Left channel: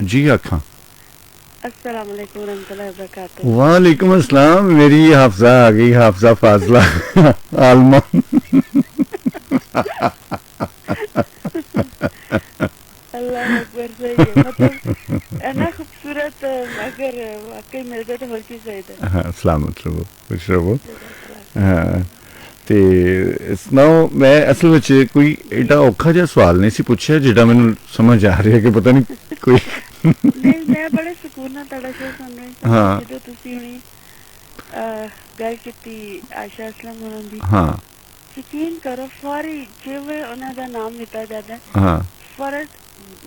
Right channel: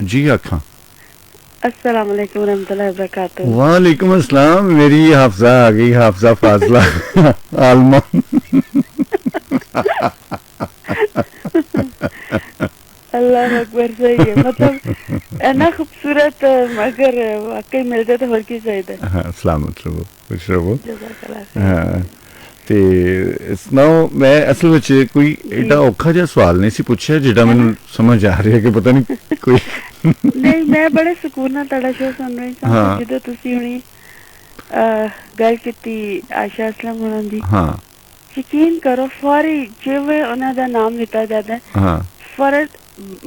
जी आखा। अस्सलाम वालेकुम रहमतुल्लाहि व बरकातहू। वालेकुम अस्सलाम। मेरी हाफजा आ गई, हाफजा फाजला आलमा। अल्लाह अकबर, सही है। मतलब इतना खूबसूरत, अगर वाकई मिल जाए तो और की चाहिए। हाँ, सलामत रहो, खुश रहो। जज़ाकल्लाह खैर। हाँ, ਤੇ ਸੁਣਾਓ, ਮੈਂ ਅਸਲ ਵਿੱਚ ਕੋਈ जी। ਐਡਾ ਔਖਾ ਜਿਹਾ ਸਵਾਲ ਨਹੀਂ ਸੀ ਪੁੱਛਿਆ ਜਿਹੜਾ ਮੈਨੂੰ ਸਮਝ ਆ ਰਿਹਾ ਕਿ ਪਤਾ ਨਹੀਂ ਕੋਈ। नहीं, मैं बड़े सुकून ਨਾਲ ਤੁਹਾਡਾ ਸ਼ੋਅ ਸੁਣ ਰਹੀ ਸੀ ਤੇ ਹਾਂ ਜਦੋਂ ਤੁਸੀਂ ਹੁਣੀ ਗੱਲ ਕੀਤੀ ਆਇਸ਼ਾ ਅਸਲਮ ਹੋਰਾਂ ਦੀ, ਹਾਂ ਯਕੀਨ ਕਰੋ ਫੌਰੀ ਜਿਵੇਂ ਉਹਨਾਂ ਦਾ ਨਾਮ ਲਿੱਤਾ ਜਾਂਦਾ ਹੈ, ਹਾਂ ਫੌਰਨ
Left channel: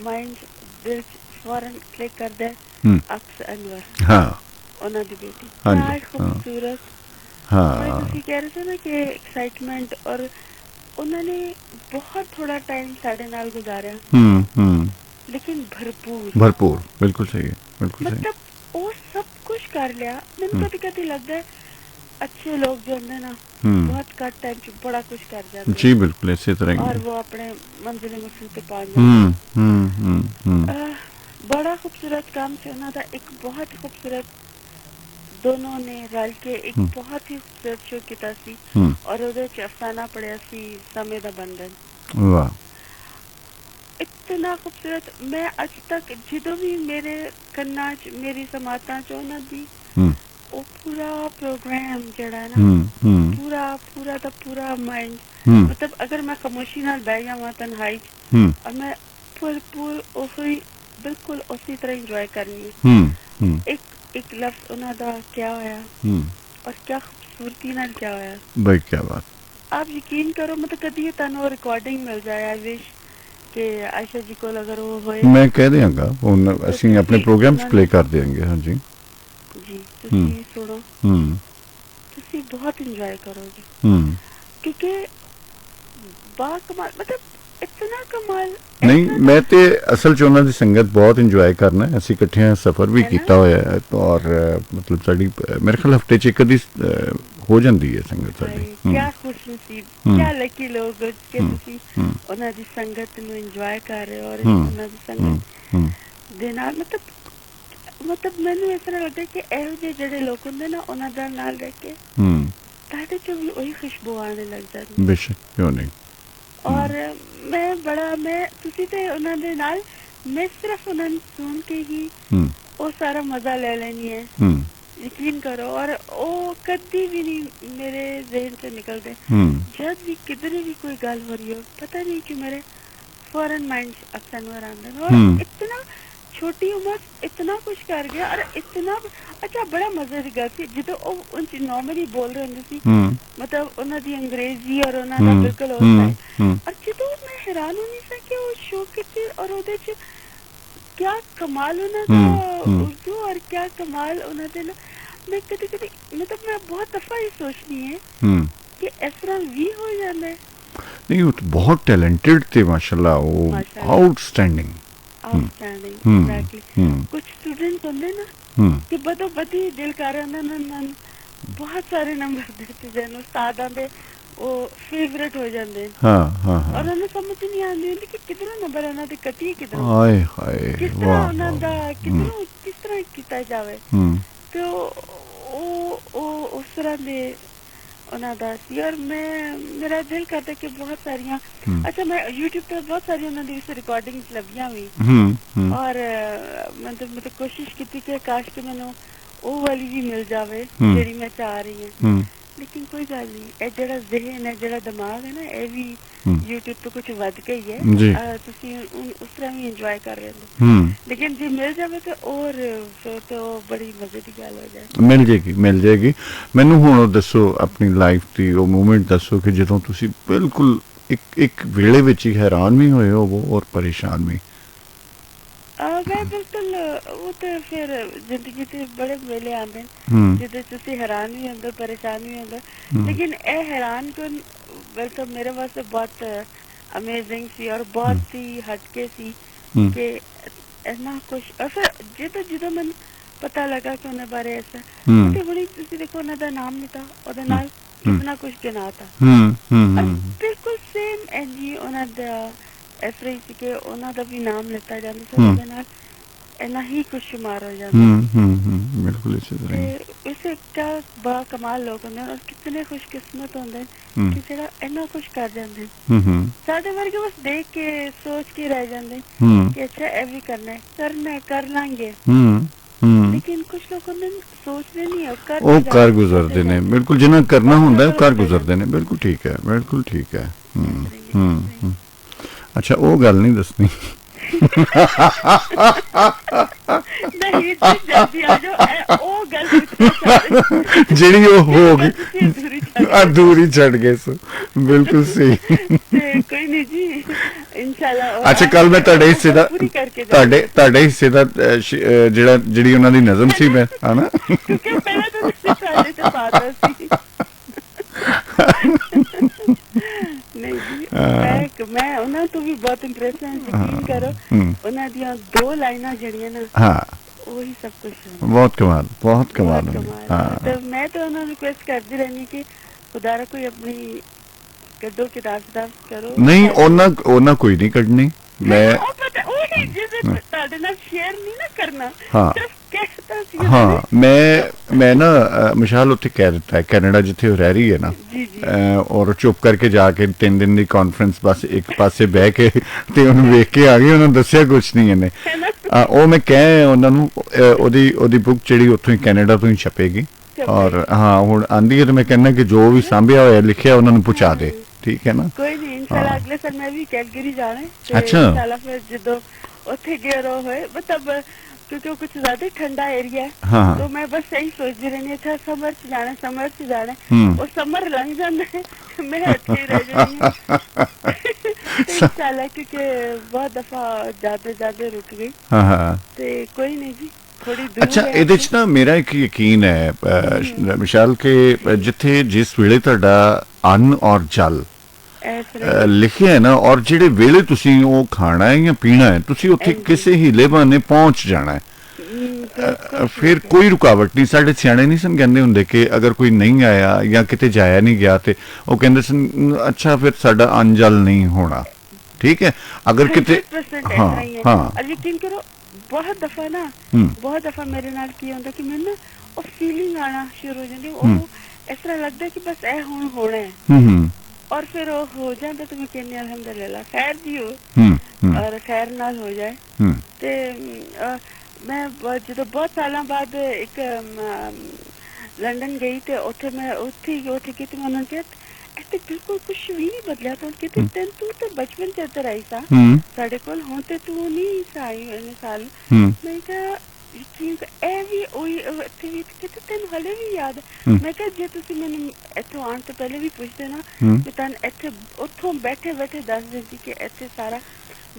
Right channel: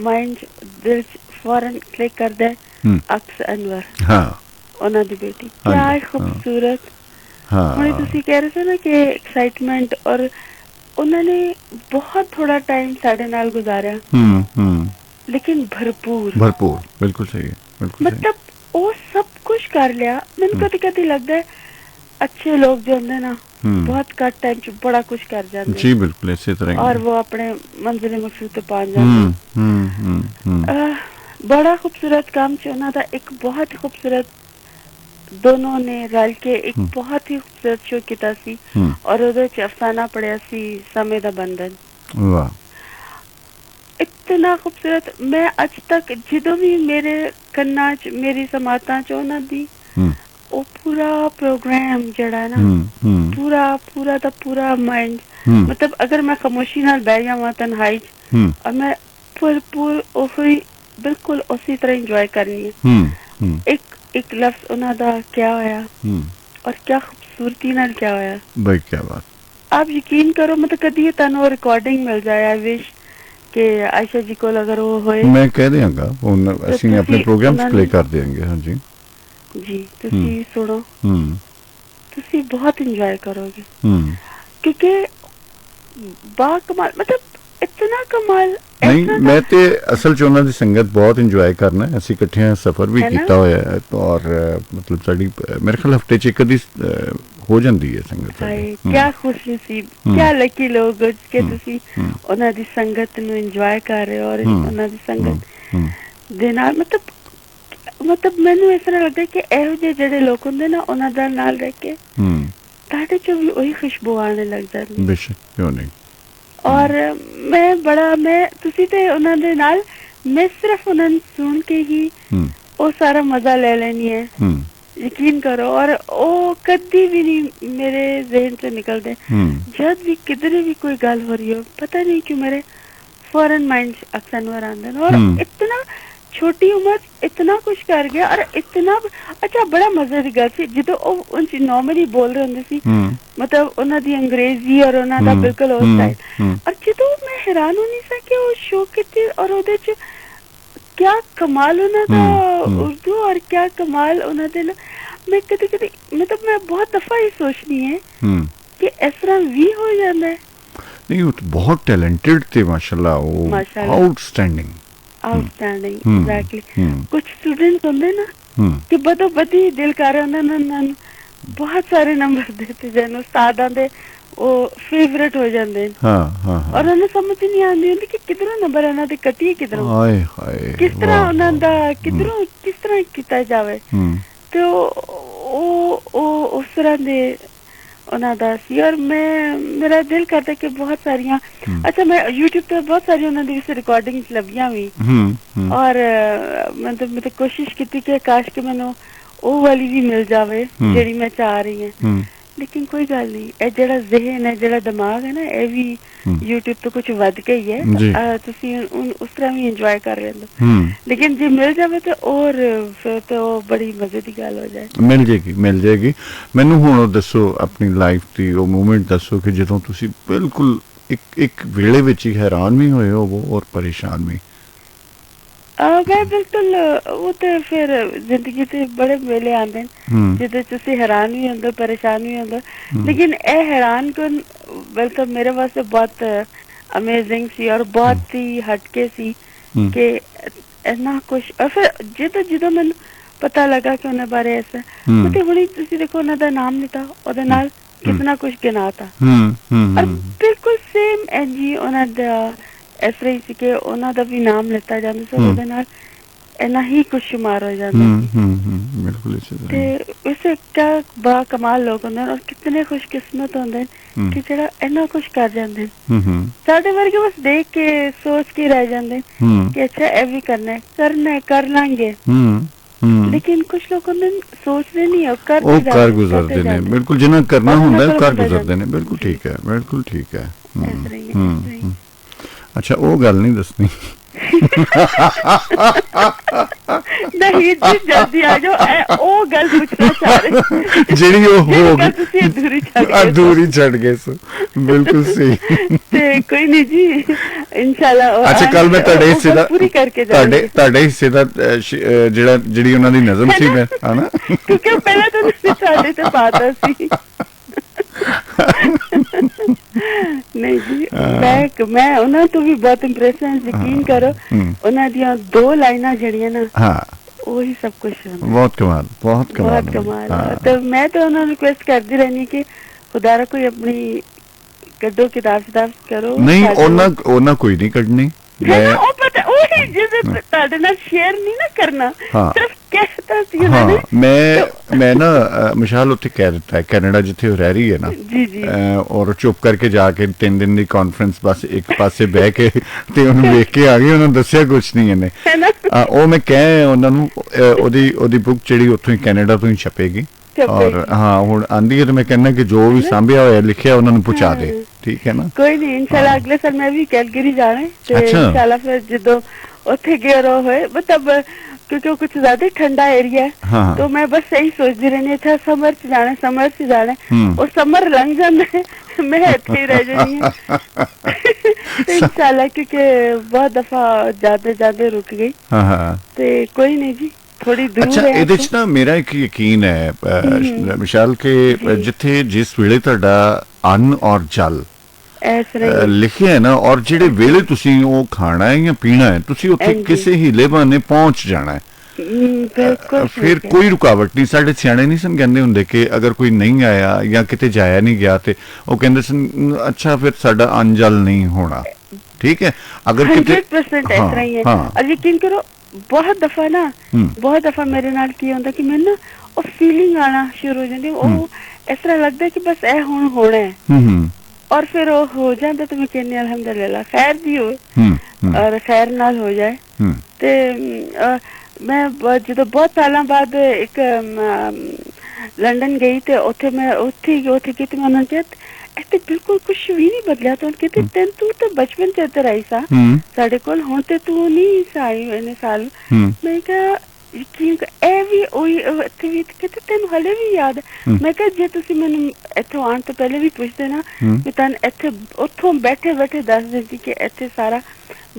ਮਾਈਂਡ ਦਿਲ 'ਚ ਫੌਰਨ ਕਲਿੱਕ ਕਰਦਾ ਹੈ ਹੂੰ ਅਕਸ ਅਨਵਰ, ਹਾਂ ਉਹਨਾਂ ਦੀ ਬੇਟੀ। ਕਿਆ ਹਾਂਜੀ ਹਾਂ ਖੂਬਸੂਰਤ। ਹੁਣੇ ਹਾਂ ਤੁਸੀਂ ਕਹਿ ਰਹੇ ਸੀ ਨਾ ਕਿ ਐਕਸਾਈਟਮੈਂਟ, ਔਰ ਉਹਨਾਂ ਨੇ ਬਹੁਤ ਥੋੜਾ ਟਾਈਮ ਸਾਡੇ ਨਾਲ ਗੁਜ਼ਾਰਿਆ ਹੂੰ ਲੇਕਿਨ ਭਰਪੂਰ। ਭਰਪੂਰ, ਬਿਲਕੁਲ ਸਹੀ ਹੈ, ਬਿਲकुल सही। मतलब ਉਹ ਸਭ ਕੁਝ ਕਰ ਲਿਆ। ਮੈਨੂੰ ਹੂੰ ਕਦੀ ਕਦੀ ਲੱਗਦਾ ਹੈ अच्छे लोग जो होंगे ना ਹੂੰ बहुत कट टाइम च बड़ा कुछ कर जाते जी हैं बिल्कुल इसी तरह ही और है। वो अपने मंजिल मकसूद तक पहुंच जाते हैं। हम्म। बड़ा खूबसूरत काम चुना था, एक बहुत ही खूबसूरत, दोनों ने रल के एक हम्म बहुत ही खूबसूरत शो किया सी हम्म, और ਉਹਦੇ ਚ ਅਫਸਾਨਾ ਪੜਿਆ ਸੀ ਸਮੇਂ ਦਾ ਬੰਧਨ। वाह। इतना खूबसूरत। मैं अज तक ਜਦੋਂ ਵੀ ਮੇਰੇ ਕੰਨਾਂ ਚ ਮੇਰੀ ਸਮਾਤਾਂ ਚ ਉਹਨਾਂ ਦੀ हम्म ਉਹ ਪੂਰਾ ਪ੍ਰੋਗਰਾਮ ਜਿਹੜਾ ਨਾ हम्म पूरा पूरा का पूरा माइंड, हम्म मतलब अगर मैं खामोशी नाल बह जावां तन्हाई हम्म और मैं भरपूर ओही बिल्कुल उसी तरह इंजॉय करनी है। हम्म एक एक लफ्ज उन्हां दा क्या होया हम्म, और क्या खूबसूरती नाल क्या होया, भाई क्या बात। आप यकीन करो। मतलब कदी तनु रिकॉर्डिंग मिल जाए, आई विश कि आयशा जी को अगर वो होए मैं कह देंगा ਹੁਣ तो ਅਸੀਂ ਆਪਣੇ तुसी ਪ੍ਰੋਗਰਾਮ 'ਚ ਪਲੇ उन्होंने ਕਰ ਦੇंगे। हाँ जी। जी हम्म तुसी सुनो, हम्म तुसी बहुत इंजॉय करोगे हम्म क्योंकि बाकमाल, मतलब इतना कमाल नहीं, ऐसा मैं ਤੇ ਅਸਲ 'ਚ ਉਹਨਾਂ ਦੀ ਸੰਗਤ ਬਹੁਤ ਇੰਜੋਏ ਕਰਨਾ। ਅਸੀਂ ਇਕੱਠਿਆਂ ਸਫ਼ਰ ਵੀ है ना। ਕੀਤਾ ਹੋਇਆ ਹੈ ਔਰ ਮਤਲਬ ਸਾਡੀ ਮੇਰੇ ਖਿਆਲ ਹਫਤੇ 'ਚ ਇੱਕ ਅੱਧੀ ਹੋ ਜਾਂਦੀ ਹੈ ਸੰਗਤ ਸਾਡੀ। ਹਾਏ ਕਿਆ ਖੁਸ਼ ਨਸੀਬ, ਹੂੰ ਕਿਆ ਲੱਕੀ ਲੋਕ ਕਿ ਹੂੰ ਤੁਸੀਂ ਹੂੰ ਉਹਨਾਂ ਦੀ ਸੰਗਤ ਨੂੰ ਇੰਜੋਏ ਕਰ ਰਹੇ ਹੋ ਔਰ ਹੂੰ ਉਹਨਾਂ ਦੀ ਹੂੰ ਹੂੰ ਸੰਗਤ ਦੇ ਨਾਲ ਮਤਲਬ ਮੈਨੂੰ ਇਸ ਤਰ੍ਹਾਂ ਲੱਗਦਾ ਕਿ ਇਹੋ ਜਿਹੇ ਜਿਹੜੇ ਲੋਕ ਹੁੰਦੇ ਨਾ ਉਹਨਾਂ ਦਾ ਨਾਲ ਰਹਿ ਕੇ ਹੂੰ ਤੁਹਾਡੇ ਚੋਂ ਵੀ ਉਹੀ ਖੁਸ਼ਬੂ ਆਉਣ ਲੱਗ ਜਾਂਦੀ। ਬੇਸ਼ੱਕ, ਕਿਉਂ ਨਹੀਂ। ਔਰ ਮੈਂ ਤੁਸੀਂ ਤੇ ਉਹਨਾਂ ਦੇ ਨਾਲ, ਮੈਂ ਸਿਰਫ ਉਹਨਾਂ ਨੂੰ ਸੁਣ ਕੇ ਹੀ ਹੂੰ ਉਹ ਸਾਰਾ ਮਜ਼ਾ ਲੈ ਲੈਣੀ ਹੈ, ਹੂੰ यकीन करो। और वो कभी भी नहीं मेरे जहन से निकलते। हूँ जब भी किधर भी कोई गल हो रही हो, पता नहीं क्यों मेरे फौरन माइंड अक्सर आंदे और हूँ इतना छोटी उम्र इतना कुछ कर गया और इतना अच्छा बड़ा मजे की गल सी जो नॉर्मली बोल रहे होंगे सी, हूँ मतलब उन्हों दी अंग्रेजी और उन्हों दा हूँ बिल्कुल उस हूँ स्टाइल। और जो मैं हैरान होनी सा कि वो शो किते और ਉਹਦੇ ਚ क्या कमाल ਉਹਨਾਂ ਦਾ उर्दू और क्या कमाल ਉਹਨਾਂ ਦੇ। मैं कभी कभी मतलब मैं बहुत दफा ये सोचनी है कि इस तरह भी हो जाता है। नहीं, वो तो बहुत टैलेंटेड थे माशाल्लाह, वो आउटस्टैंडिंग। Outstanding, exactly. कुछ स्टूडेंट्स होंगे ना कि बदो बदी दिल कर रहे उन्होंने बहुत सारे नंबर देते जन उस्तादां दे वो फेवरेट हो जाते हैं। हाँ हाँ हाँ। और उन्हें समझ नहीं आती होंगी कि किधरों नंबर इन्हों दे कटिए किधरों, हाय हाय, किस तरह उन्हों दा किधरों किस तरह किया जावे। तो उस तरह दे उन्हों दा सी। और मैं मेरा दिल करता कि बहुत सारियां, अच्छा मैं यूट्यूब पे बहुत सारी उन्होंने इस रिकॉर्डिंग लभियां भी और मतलब कोशिश की कि काश कि मैंने वो वाली भी मिल जावे जेड़ी मैं चाह रही हूं। लेकिन कोई गल नहीं, ये जेड़ा ज़हन है जेड़ा दिमाग है ना ये भी यूट्यूब पे कुछ वध गई है, तुसी उस तरह भी इंजॉय कर रहे हो। लेकिन जे मिल जावे तो और फिर तो बड़ी मजे की गल हो जाए। मिल जाएगी। मैनू हुण दसो अपनी लाइफ की वो मूवमेंट दसो कि जदों तुसी बिल्कुल एक वेले विच ही हैरान भी होए हो और परेशान भी। मैं बिल्कुल वो तो फिर जिंदगी से बड़े वेले आते हैं जिदे तुसी हैरान भी होंदे परेशान भी होंदे, लेकिन ए हैरान कन बिल्कुल मेरे वास्ते बहुत अमेजिंग सी और बहुत ही हटके सी कि इतना कुछ। और फिर जो मैंने पता लगा कि उन्हें बारे ऐसा तो हुणी तुसी देखो उन्हें दा नाम नहीं था ओदे नाल कितना कुछ गिना था और बिल्कुल सेम एजी उन्हें दा इस तरह ही कि उन्हों का भी नाम लिता जाता तो ਉਹਦੇ ਨਾਲ इन्ना ही कुछ शुमार हो जाता है। बिल्कुल इसी तरह ही। ते इसे क्या बा कमाल लोग होंदे और कितने खुशकिस्मत होंदे कि जेड़ा इन्ना कुछ कर जांदे। साडे वर्गे बस देख के सोच के रह जांदे कि अच्छा ए भी करना है कर लांगे। लेकिन कुछ लोग होंदे सोचदे नहीं ਉਹ ਕਰ ਗੁਜ਼ਰਦੇ ਨੇ ਬਿਲਕੁਲ ਜਿੰਨਾ ਕਰਨਾ ਹੁੰਦਾ ਉਹ ਕਰ ਗੁਜ਼ਰਦੇ ਨੇ ਬਿਲਕੁਲ ਠੀਕ ਹੈ ਬਿਲकुल ठीक है। ਅੱਛਾ ਉਹ ਗੱਲ ਨਹੀਂ ਦੱਸਣੀ नहीं जी जल्दी आ जाओ ओ गल ਜਿਹੜੀ ਉਹ ਹੋ ਗਈ ਅਧੂਰੀ ਛੱਡ ਗਏ ਸੋ ਬਿਲਕੁਲ ਸਹੀ कोई नहीं जी इंशाल्लाह। ਅੱਛਾ ਕੱਲ ਮੈਂ ਤੁਹਾਡੇ ਹਿੱਸੇ ਦਾ ਤੁਹਾਡੇ ਹਿੱਸੇ ਦਾ ਜਿਹੜੀ ਉਹਨਾਂ ਦੀ ਨਜ਼ਮ ਸੀ ਮੈਂ ਹਨਾ ਪਹਿਲਾਂ ਤਾਂ ਸਾਡੇ ਤੇ ਬਾਤ ਸੀ नहीं जी मैं ਉਹਨਾਂ ਤੋਂ ਵੀ ਬਹੁਤ ਇੰਪ੍ਰੈਸ ਹਾਂ ਯਕੀਨ ਕਰੋ ਉਹਨਾਂ ਦੀਆਂ 2 ਲਾਈਨਾਂ ਜਿਹੜੀਆਂ ਨਾ ਹਾਂ ਉਹੀ ਸਭ ਕੁਝ ਬਹੁਤ ਕਮਾਲ ਹਾਂ ਤੇ ਮੈਂ ਤਾਂ ਉਹਨਾਂ ਨੂੰ ਰਿਕੁਐਸਟ ਕਰਦੀ ਰਹਿਣੀ ਕਿ ਖੁਦਾਰਾ ਕੋਈ ਆਪਣੀ ਕੱਢੋ ਕਿਤਾਬ ਕਰੋ ਨਹੀਂ ਉਹਨਾਂ ਕੋਈ ਨਹੀਂ ਕੱਢਣੀ मैं ਤੁਹਾਡੇ ਨਾਲ ਸ਼ੇਅਰ ਨਹੀਂ ਨਾ ਕਰਨਾ ਸਿਰਫ ਕਹਿਤਾ ਸੀ ਹਾਂ ਮੈਂ ਨਾ ਮਿਸ਼ਾਲ ਉੱਥੇ ਕਹਿ ਦਿੱਤਾ ਹੈ ਕੈਨੇਡਾ ਜਿੱਥੇ ਉਹ ਰਹਿ ਰਹੀ ਹੈ ਨਾ ਔਰ ਚੁੱਪ ਕਰਕੇ ਜਾ ਕੇ 3 ਦਿਨ ਦੀ ਕਾਨਫਰੰਸ ਬਸ ਇੱਕ ਪਾਸੇ ਬਹਿ ਕੇ ਤੇ ਉਹਨੂੰ ਵੇਖ ਕੇ ਆ ਗਈ ਉਹਨਾਂ ਦੱਸਿਆ ਕੁਛ ਨਹੀਂ ਇਹਨੇ ਉਹ ਮੈਂ ਕਹਿ ਉਹਨਾਂ ਨੂੰ ਉਹਦੀ ਬੁੱਕ ਜਿਹੜੀ ਉੱਥੋਂ ਹੀ ਕੈਨੇਡਾ ਤੋਂ ਹੀ ਛਪੇਗੀ ਔਰ ਹਾਂ ਹੁਣ ਆਂਦੀ ਹੈ ਤੇ ਮੈਂ ਕਹਿੰਦਾ ਕਿ ਜੋ ਵੀ ਸਾਂਭਿਆ ਹੋਇਆ ਲਿਖਿਆ ਉਹਨਾਂ ਨੂੰ ਪਹੁੰਚਾ ਦੇ ठीक है ना कोई नहीं इंशाल्लाह अगले साल मैं भी कैलगरी जाना है अच्छा इंशाल्लाह फिर जो उठे गए रहो है मतलब क्योंकि कुछ ज्यादा ठंडा एरिया है हाँ। तो मैं बस यही सोचती रहनी था समर से जाना और समर रंग जाना है मैं अच्छी रह जाऊंगी इंशाल्लाह क्योंकि बहुत दफा जाते रुक गई तो कोई नहीं जी ਅੱਛਾ ਇਹਦੇ ਚ ਨਾ ਮੇਰਾ ਇੱਕ ਯਕੀਨ ਹੈ ਵਿਸ਼ਾਲ ਕਿ ਜਿੱਥੇ ਜਿਸ ਵੇਲੇ ਤੁਹਾਡਾ ਅੰਨ ਔਰ ਜਲ ਲਿਖਿਆ ਹੈ ਨਾ ਔਰ ਜਿਹੜੇ ਵੇਲੇ ਤੁਸੀਂ ਉਹ ਖਾਣਾ ਹੈ ਜਾਂ ਪੀਣਾ ਹੈ ਤੁਸੀਂ ਉੱਥੇ ਕਿਸੇ ਹੀਲੇ ਬਹਾਨੇ ਪਹੁੰਚ ਜਾਣਾ ਹੈ ਫਿਰ ਕੋਈ ਰੁਕਾਵਟ ਨਹੀਂ ਸਾਡੇ ਸਿਆਣੇ ਨਹੀਂ ਸਨ ਕਹਿੰਦੇ ਹੁੰਦੇ ਕਿ ਅਗਰ ਕੋਈ ਨਹੀਂ ਆਇਆ ਜਾਂ ਕਿਤੇ ਜਾਇਆ ਨਹੀਂ ਗਿਆ ਤੇ ਉਹ ਕਹਿੰਦੇ ਸਨ ਅੱਛਾ ਫਿਰ ਸਾਡਾ ਅੰਨ ਜਲ ਨਹੀਂ ਹੋਣਾ ਠੀਕ ਹੈ ਅਗਰ ਕਿਤੇ ਹਾਂ ਯਕੀਨ ਕਰੋ बहुत दफा मेरे नाल की होंदा कि मैंने ना फीलिंग आना शुरू हो जाती है इस तरह लगता है कि बस ए हुण होना है और फिर वो हो जाता तो मैं कहनी अल्हम्दुलिल्लाह खैर भी हो और खैर नाल हो जाए ते मैं जो बहुत साल बाद एक लंदन गई ते उथे की मैं ऐसे बिल्कुल कुछ भी नहीं बदला तो कहते तेन तू तो बचपन से इधर आई सा साडे कोल हुण ते तू नहीं आई इन्ने साल मैं कहा यकीन ए भी ओही इत्थे भी कहते तेन हले भी याद मैं कहा जे तुसी मैनू इत्थों आण तो पहले भी पुछदे ना कि तन इत्थे उथों बैठे दस दे कि इत्थे सारा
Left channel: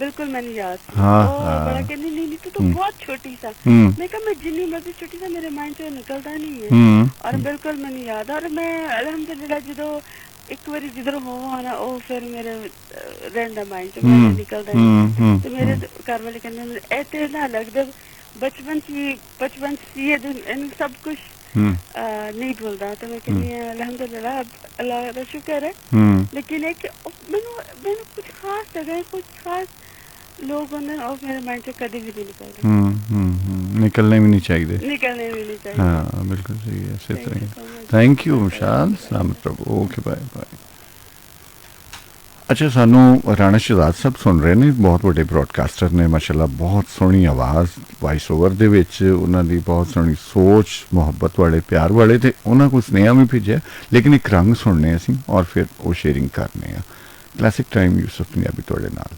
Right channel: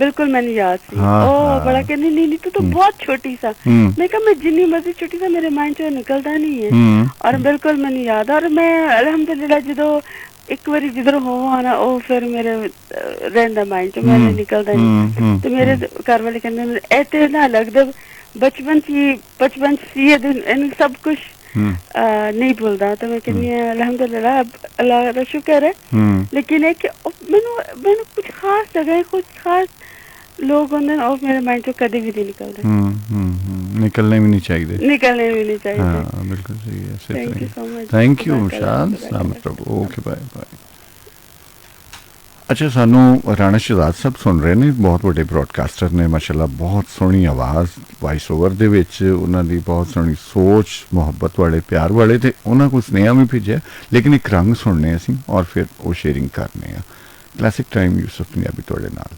बिल्कुल मैंने याद बड़ा कहनी नहीं तू तो बहुत छोटी सा मैं कहा मैं जितनी मर्जी छोटी सा मेरे माइंड से निकलता नहीं है और बिल्कुल मैंने याद और मैं अल्हम्दुलिल्लाह जो एक बार जिधर हो आना वो फिर मेरे रहंदा माइंड से निकलता नहीं तो मेरे घर वाले कहते ऐसे ना लगदा बचपन सी इन सब कुछ नहीं भूलता तो मैं कहनी अल्हम्दुलिल्लाह अल्लाह का शुक्र है लेकिन एक मैंने कुछ खास जगह कुछ खास लोग होंगे और मेरे माइंड से कभी भी नहीं निकलते निकलने भी नहीं चाहिए हाँ बिल्कुल सही है इसी तरह थैंक यू विशाल सलामत रहो ओके बाय बाय अच्छा सानू राणा शहजाद साहब सुन रहे ने बहुत बड़े ब्रॉडकास्टर ने माशाल्लाह बहुत सोहनी आवाज़ वॉइस ओवर दे विच उन्हां दी बहुत सोहनी सोच मुहब्बत वाले प्यार वाले ते उन्हां को स्नेहा भी भेजा लेकिन एक रंग सुनने असीं और फिर वो शेयरिंग करने क्लासिक टाइम यूसुफ पंजाबी तुहाडे नाल।